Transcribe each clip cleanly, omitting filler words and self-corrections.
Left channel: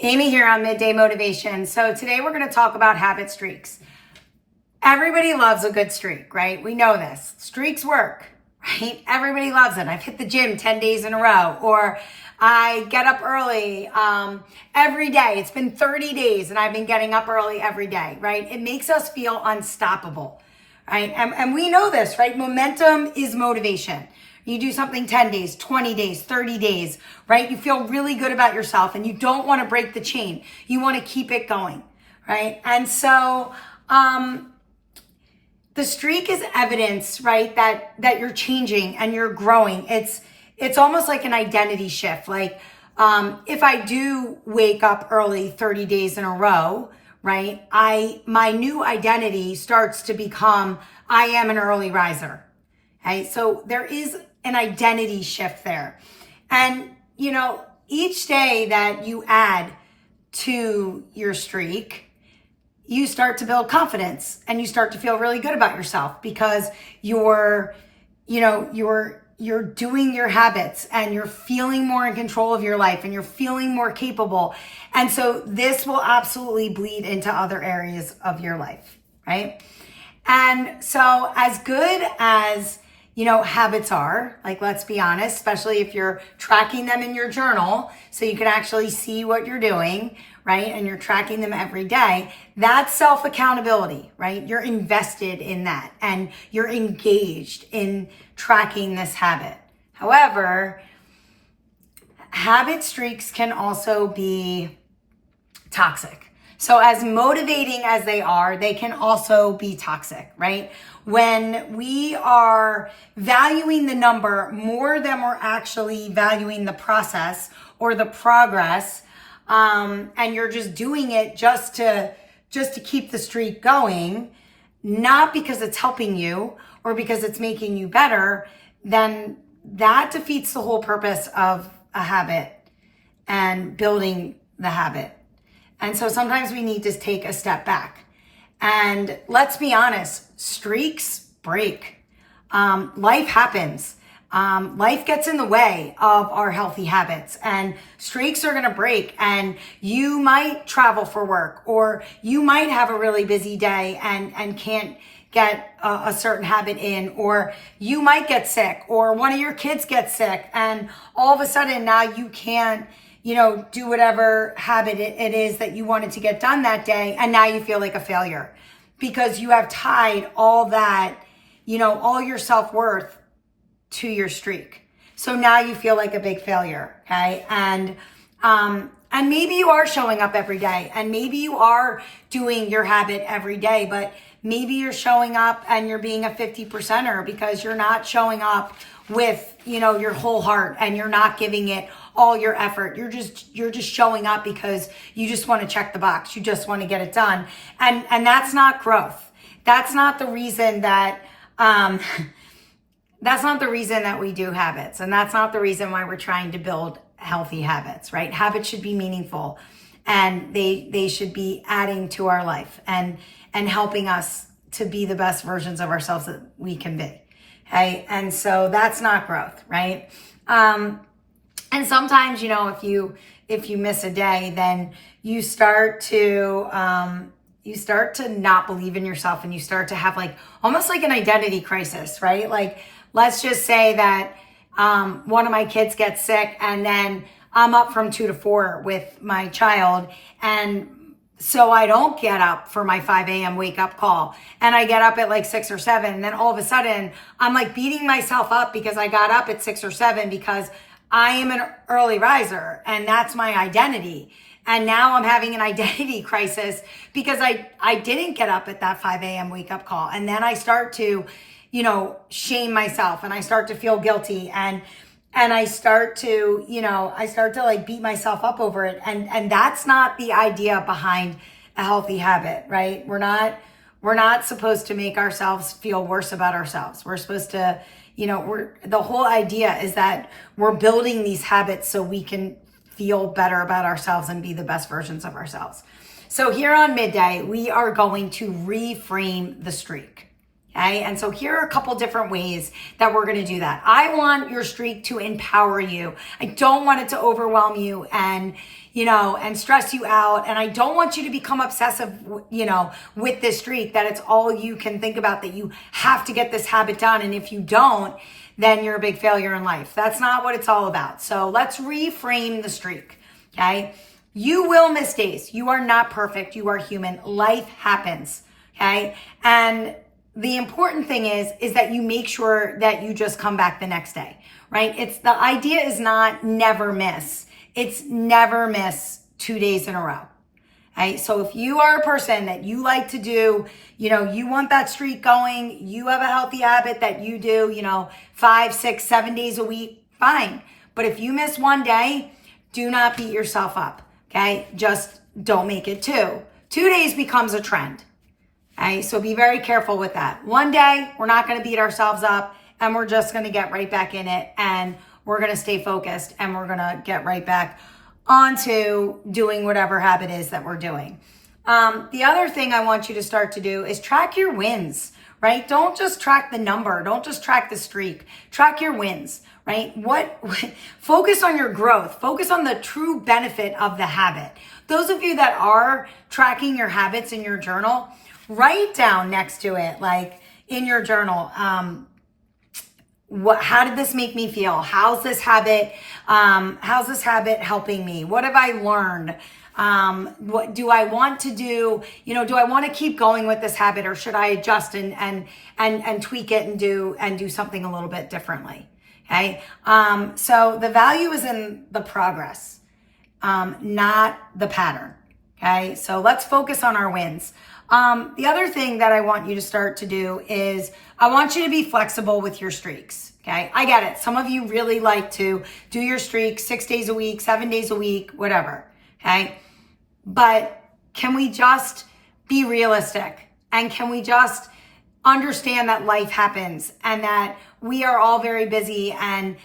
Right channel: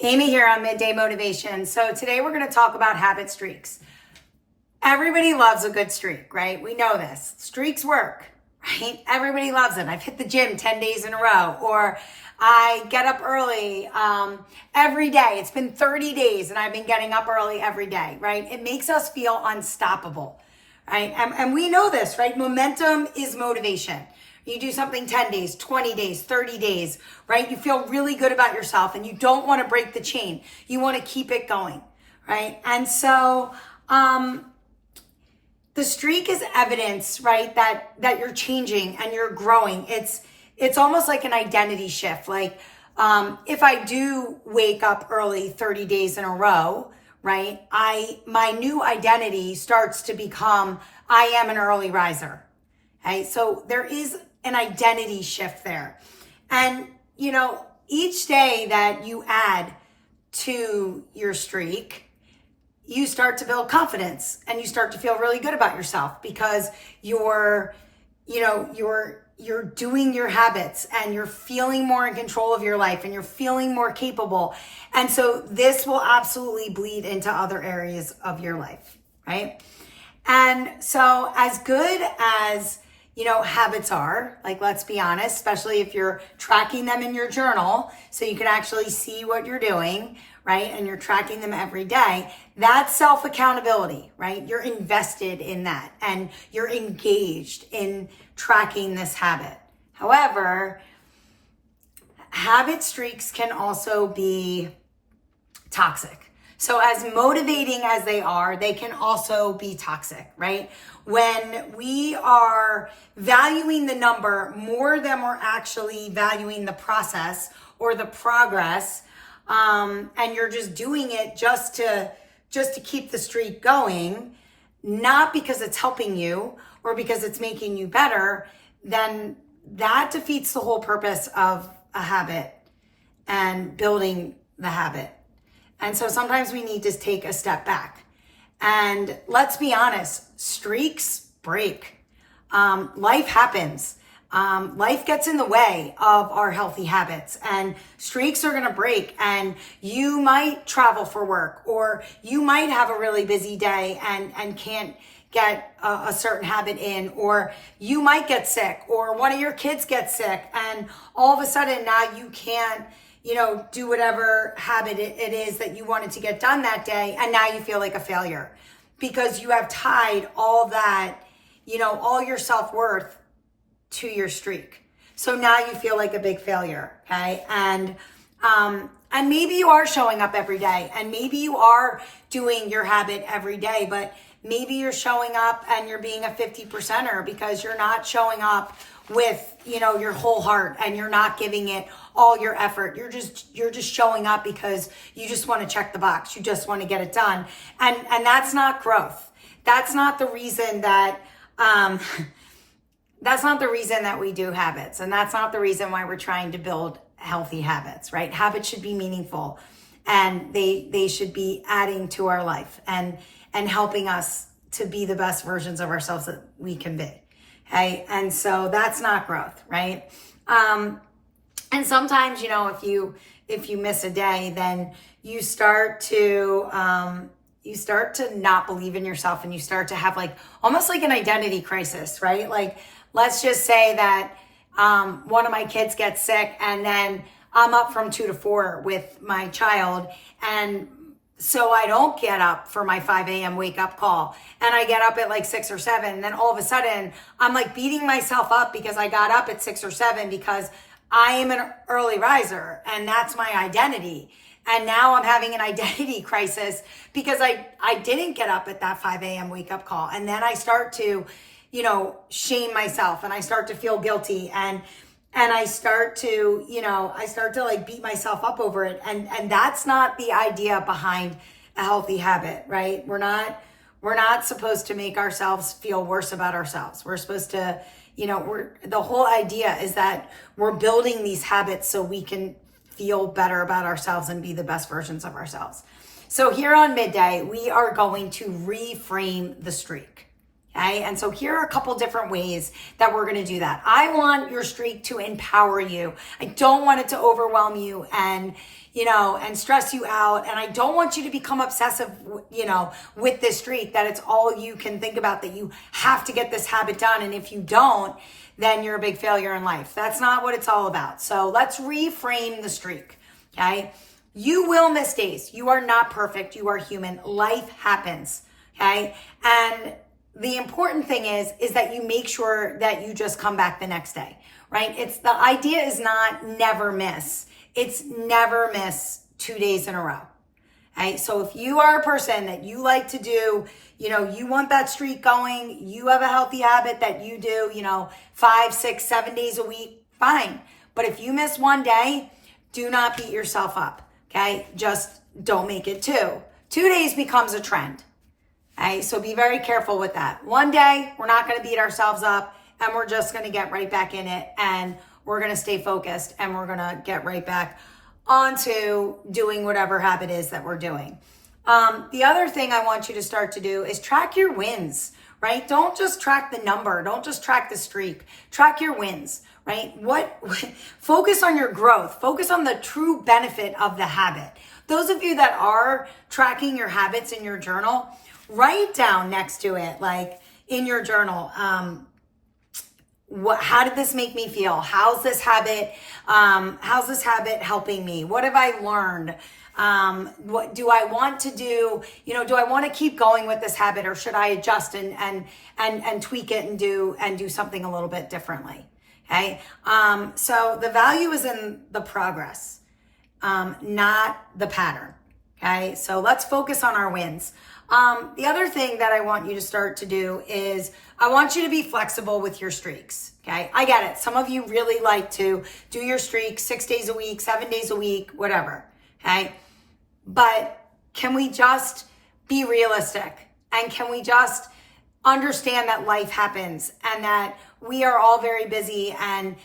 Amy here on Midday Motivation. So today we're going to talk about habit streaks. Everybody loves a good streak, right? We know this. Streaks work, right? Everybody loves it. I've hit the gym 10 days in a row, or I get up early every day. It's been 30 days and I've been getting up early every day, right? It makes us feel unstoppable, right? And we know this, right? Momentum is motivation. You do something 10 days, 20 days, 30 days, right? You feel really good about yourself and you don't want to break the chain. You want to keep it going, right? And so the streak is evidence, right, that you're changing and you're growing. It's almost like an identity shift. Like if I do wake up early 30 days in a row, right, my new identity starts to become, I am an early riser. Okay? So there is an identity shift there. And, you know, each day that you add to your streak, you start to build confidence and you start to feel really good about yourself because you're doing your habits and you're feeling more in control of your life and you're feeling more capable. And so this will absolutely bleed into other areas of your life, right? And so as good as habits are, like, let's be honest, especially if you're tracking them in your journal so you can actually see what you're doing, right? And you're tracking them every day. That's self-accountability, right? You're invested in that and you're engaged in tracking this habit. However, habit streaks can also be toxic. So as motivating as they are, they can also be toxic, right? When we are valuing the number more than we're actually valuing the process or the progress, and you're just doing it just to keep the streak going, not because it's helping you or because it's making you better, then that defeats the whole purpose of a habit and building the habit. And so sometimes we need to take a step back. And let's be honest, streaks break. Life happens. Life gets in the way of our healthy habits and streaks are going to break, and you might travel for work, or you might have a really busy day and can't get a certain habit in, or you might get sick, or one of your kids gets sick, and all of a sudden now you can't do whatever habit it is that you wanted to get done that day. And now you feel like a failure because you have tied all that, all your self-worth to your streak. So now you feel like a big failure. Okay. And maybe you are showing up every day and maybe you are doing your habit every day, but maybe you're showing up and you're being a 50%er because you're not showing up with, your whole heart and you're not giving it all your effort. You're just showing up because you just want to check the box. You just want to get it done. And that's not growth. That's not the reason that, we do habits. And that's not the reason why we're trying to build healthy habits, right? Habits should be meaningful and they should be adding to our life and helping us to be the best versions of ourselves that we can be. Okay. And so that's not growth, right? And sometimes, if you miss a day, then you start to not believe in yourself and you start to have almost like an identity crisis, right? Like, let's just say that, one of my kids gets sick and then I'm up from 2 to 4 with my child. And so I don't get up for my 5 a.m. wake up call and I get up at 6 or 7. And then all of a sudden I'm beating myself up because I got up at 6 or 7 because I am an early riser and that's my identity. And now I'm having an identity crisis because I didn't get up at that 5 a.m. wake up call. And then I start to, shame myself and I start to feel guilty and I start to, beat myself up over it. And that's not the idea behind a healthy habit, right? We're not supposed to make ourselves feel worse about ourselves. We're supposed to, the whole idea is that we're building these habits so we can feel better about ourselves and be the best versions of ourselves. So here on Midday, we are going to reframe the streak. Okay, and so here are a couple different ways that we're going to do that. I want your streak to empower you. I don't want it to overwhelm you and, and stress you out. And I don't want you to become obsessive, with this streak, that it's all you can think about, that you have to get this habit done. And if you don't, then you're a big failure in life. That's not what it's all about. So let's reframe the streak. Okay. You will miss days. You are not perfect. You are human. Life happens. Okay. And the important thing is that you make sure that you just come back the next day, right? The idea is not never miss. It's never miss 2 days in a row. Okay. So if you are a person that you like to do, you want that streak going, you have a healthy habit that you do, 5, 6, 7 days a week, fine. But if you miss one day, do not beat yourself up. Okay. Just don't make it 2. 2 days becomes a trend. Okay, so be very careful with that. One day, we're not going to beat ourselves up, and we're just going to get right back in it, and we're going to stay focused, and we're going to get right back onto doing whatever habit is that we're doing. The other thing I want you to start to do is track your wins, right? Don't just track the number. Don't just track the streak. Track your wins, right? Focus on your growth. Focus on the true benefit of the habit. Those of you that are tracking your habits in your journal, write down next to it, like in your journal, how did this make me feel? How's this habit helping me? What have I learned? What do I want to do? Do I want to keep going with this habit, or should I adjust and tweak it and do something a little bit differently? Okay. So the value is in the progress, not the pattern. Okay. So let's focus on our wins. The other thing that I want you to start to do is I want you to be flexible with your streaks. Okay. I get it. Some of you really like to do your streak 6 days a week, 7 days a week, whatever. Okay. But can we just be realistic, and can we just understand that life happens and that we are all very busy, and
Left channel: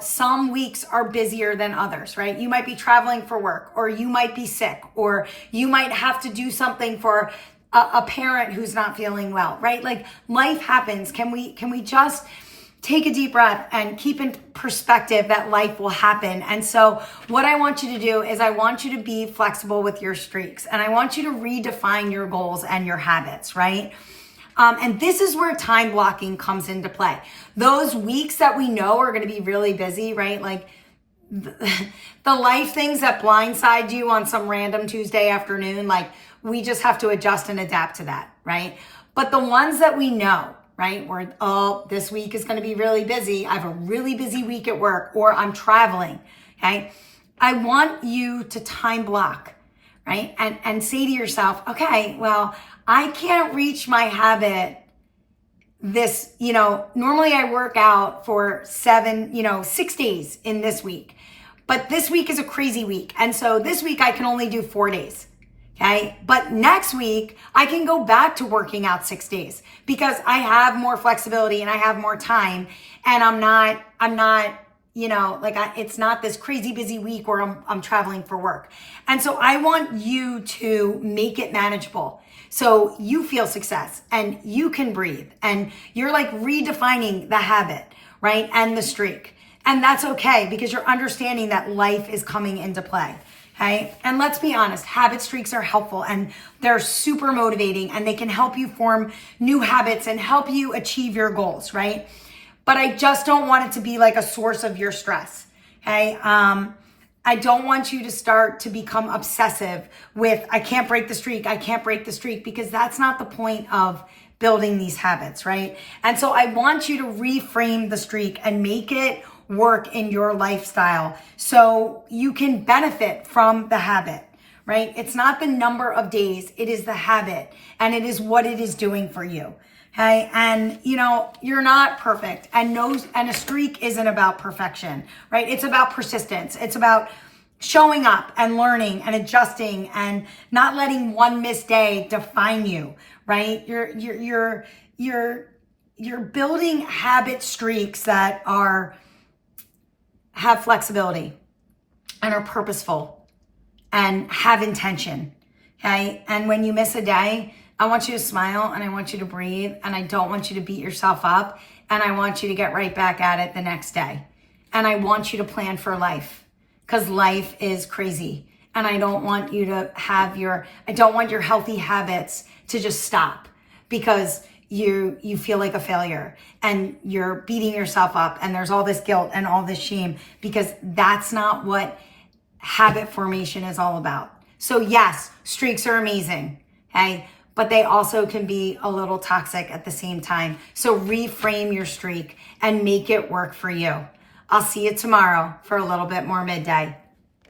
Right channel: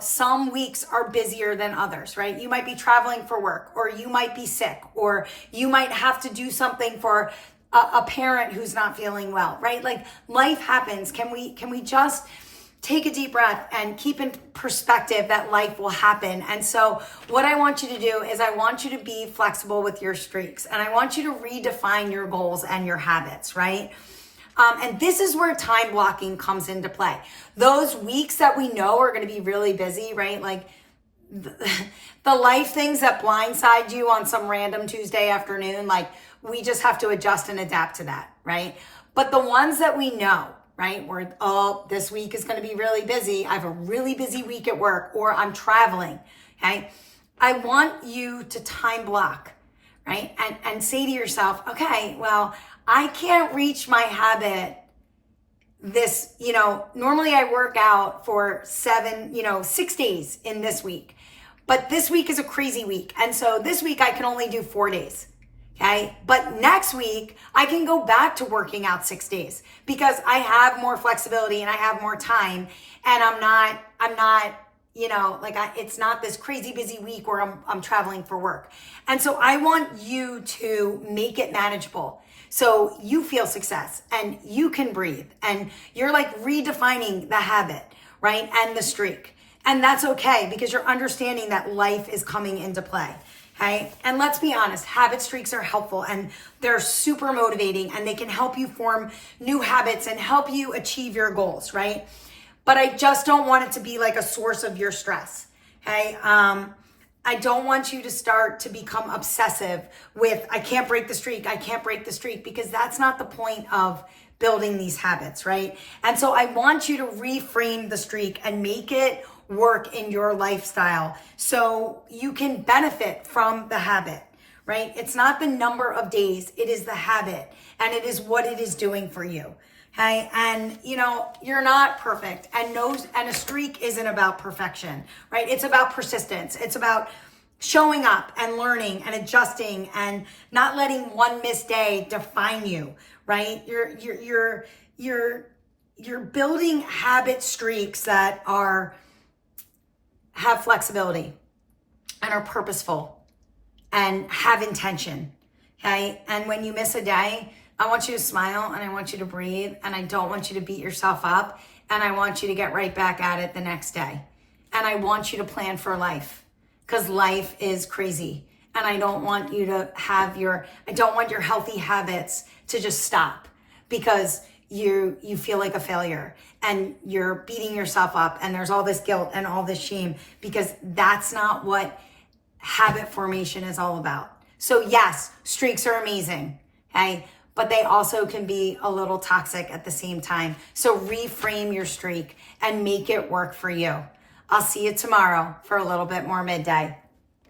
some weeks are busier than others, right? You might be traveling for work, or you might be sick, or you might have to do something for a parent who's not feeling well, right? Like, life happens. Can we just take a deep breath and keep in perspective that life will happen? And so what I want you to do is I want you to be flexible with your streaks, and I want you to redefine your goals and your habits, right? And this is where time blocking comes into play. Those weeks that we know are going to be really busy, right? Like the life things that blindside you on some random Tuesday afternoon, like, we just have to adjust and adapt to that, right? But the ones that we know, right? This week is going to be really busy. I have a really busy week at work, or I'm traveling. Okay. I want you to time block, right? And say to yourself, okay, well, I can't reach my habit this, normally I work out for 6 days in this week, but this week is a crazy week. And so this week I can only do 4 days. Okay. But next week I can go back to working out 6 days because I have more flexibility and I have more time, and I'm not, it's not this crazy busy week where I'm traveling for work. And so I want you to make it manageable, so you feel success and you can breathe, and you're like redefining the habit, right? And the streak. And that's okay, because you're understanding that life is coming into play. Okay. And let's be honest, habit streaks are helpful, and they're super motivating, and they can help you form new habits and help you achieve your goals, right? But I just don't want it to be like a source of your stress. Okay. I don't want you to start to become obsessive with, I can't break the streak, because that's not the point of building these habits, right? And so I want you to reframe the streak and make it work in your lifestyle so you can benefit from the habit, right? It's not the number of days, it is the habit, and it is what it is doing for you. Okay. And you're not perfect, and a streak isn't about perfection, right? It's about persistence. It's about showing up and learning and adjusting and not letting one missed day define you, right? You're building habit streaks that have flexibility and are purposeful and have intention. Okay. And when you miss a day, I want you to smile and I want you to breathe, and I don't want you to beat yourself up, and I want you to get right back at it the next day. And I want you to plan for life, because life is crazy. And I don't want you to have I don't want your healthy habits to just stop because you feel like a failure and you're beating yourself up and there's all this guilt and all this shame, because that's not what habit formation is all about. So yes, streaks are amazing, okay? But they also can be a little toxic at the same time. So reframe your streak and make it work for you. I'll see you tomorrow for a little bit more midday.